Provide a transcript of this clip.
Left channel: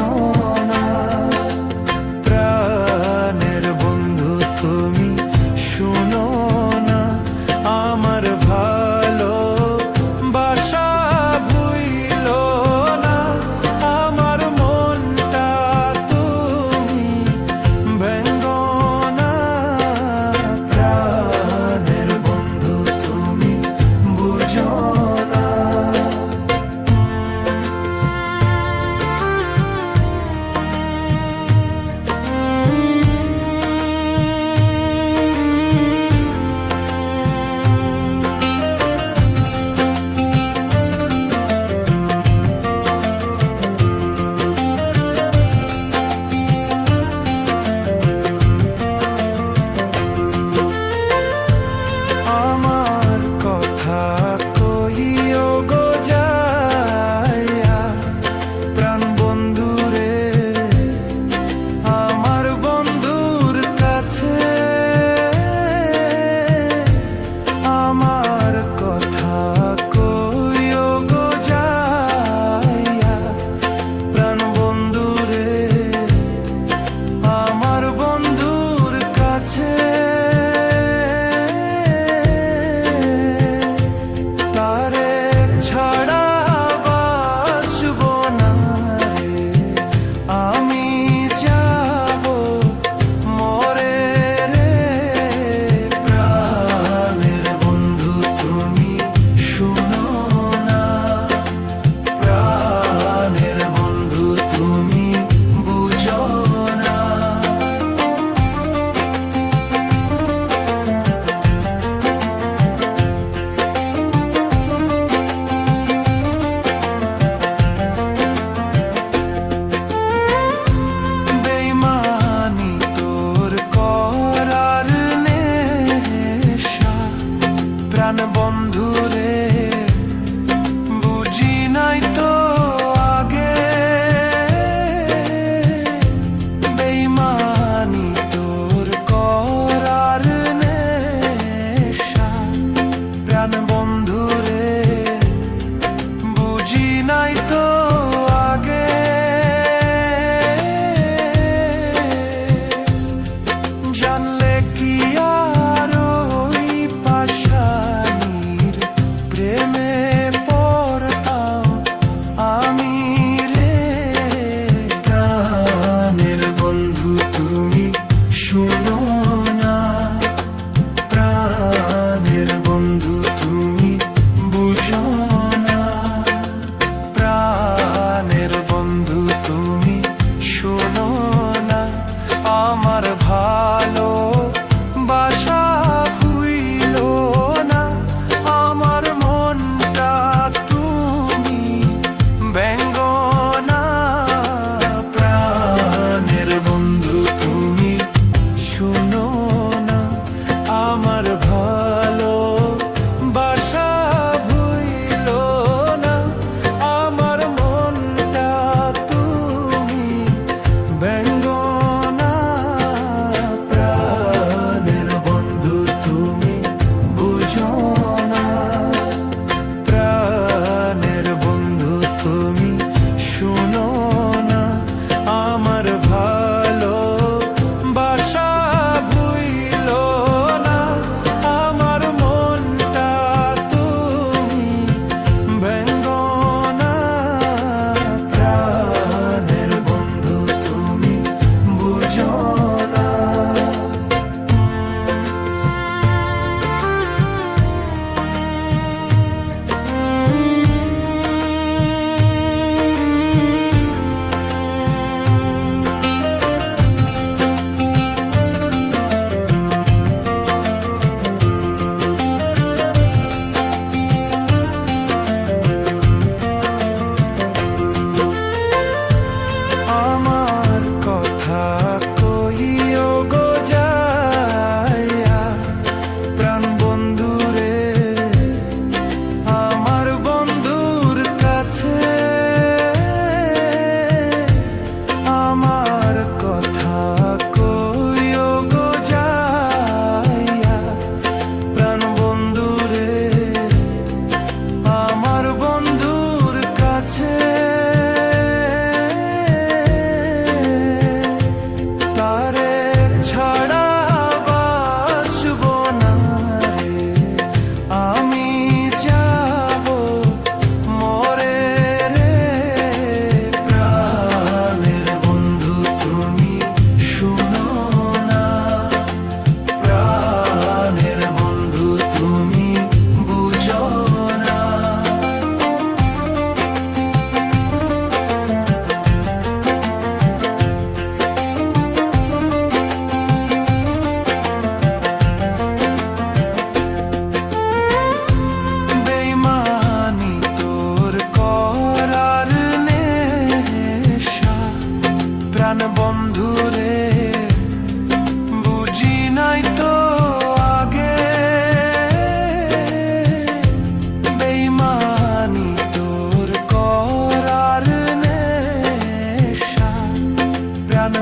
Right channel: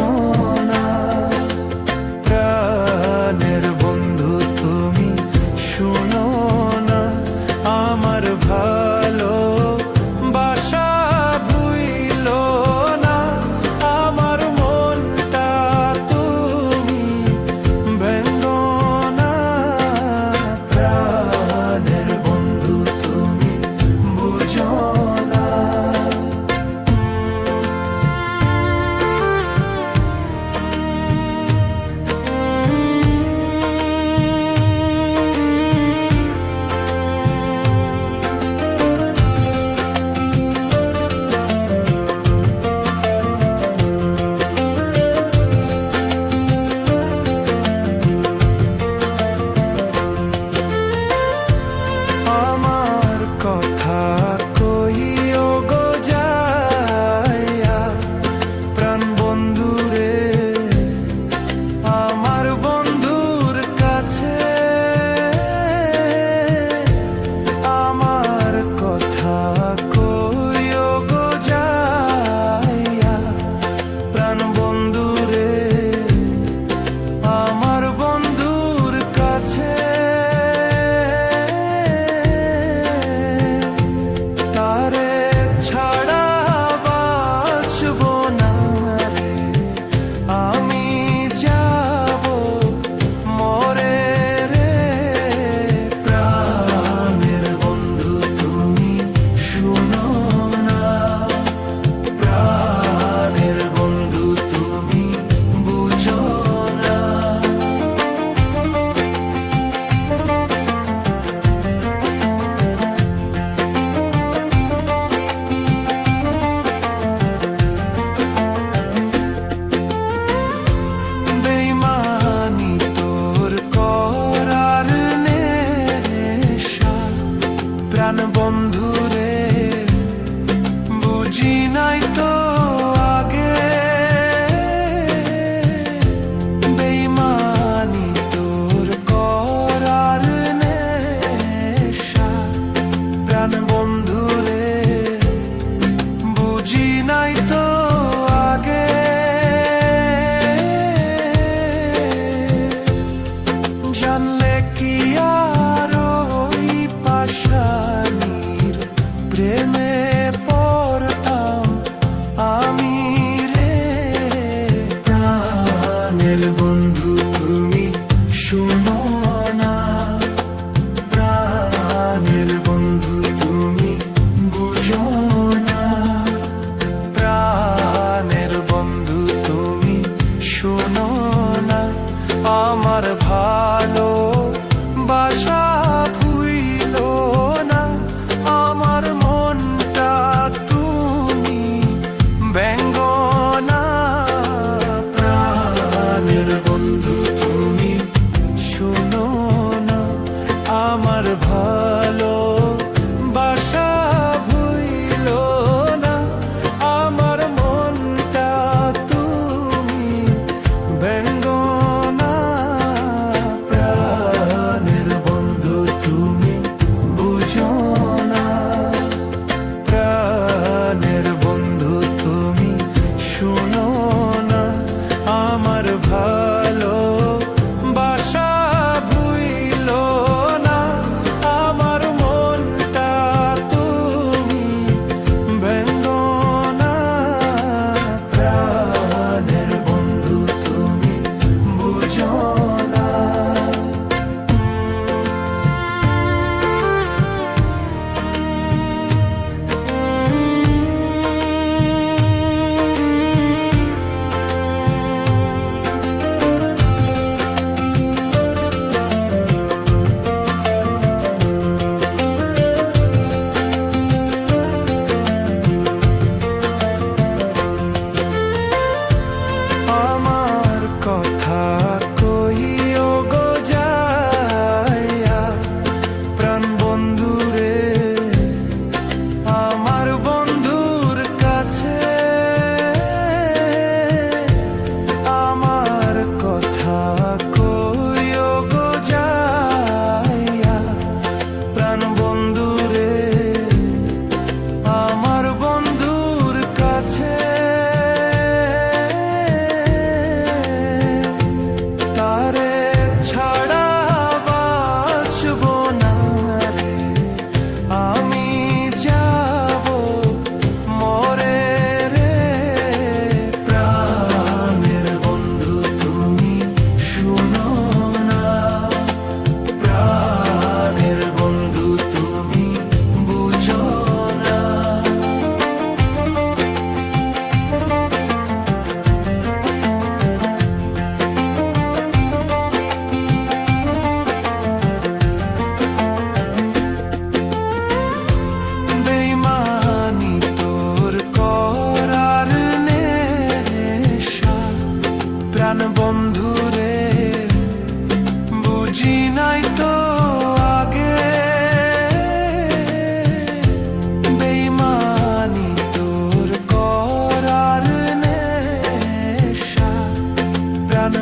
বুঝো না। প্রাণের বন্ধু তুমি শুনো না, আমার ভালো বাসা ভুইলো না, আমার মনটা তুমি ভেঙ্গো না। প্রাণের বন্ধু তুমি বুঝো না। আমার কথা কইও গো যাইয়া, প্রাণ বন্ধুরে আমার বন্ধুর কাছে। আমার কথা কইও গো যাইয়া, প্রাণ বন্ধুরে আমার বন্ধুর কাছে। তারে ছাড়া বাঁচব না রে, আমি যাব মরে রে। প্রাণের বন্ধু তুমি শুনো না, প্রাণের বন্ধু তুমি বুঝো না। বেইমানি তোর করার নেশা, প্রাণ বন্ধুরে বুঝি নাই তো আগে। বেইমানি তোর করার নেশা, প্রাণ বন্ধুরে বুঝি নাই তো আগে। জানলে কি আর ওই পাশানির প্রেমে পড়তাম আমি রে। প্রাণের বন্ধু তুমি শুনো না, প্রাণের বন্ধু তুমি বুঝো না। প্রাণের বন্ধু তুমি শুনো না, আমার ভালো বাসা ভুইলো না, আমার মনটা তুমি ভেঙ্গো না। প্রাণের বন্ধু তুমি শুনো না, আমার ভালো বাসা ভুইলো না, আমার মনটা তুমি ভেঙ্গো না। প্রাণের বন্ধু তুমি বুঝো না, প্রাণের বন্ধু তুমি শুনো না, আমার ভালো বাসা ভুইলো না, আমার মনটা তুমি ভেঙ্গো না। প্রাণের বন্ধু তুমি বুঝো না। আমার কথা কইও গো যাইয়া, প্রাণ বন্ধুরে আমার বন্ধুর কাছে। আমার কথা কইও গো যাইয়া, প্রাণ বন্ধুরে আমার বন্ধুর কাছে। প্রাণ বন্ধুরে বুঝি নাই তো আগে বেইমানি তোর করার নেশা প্রাণ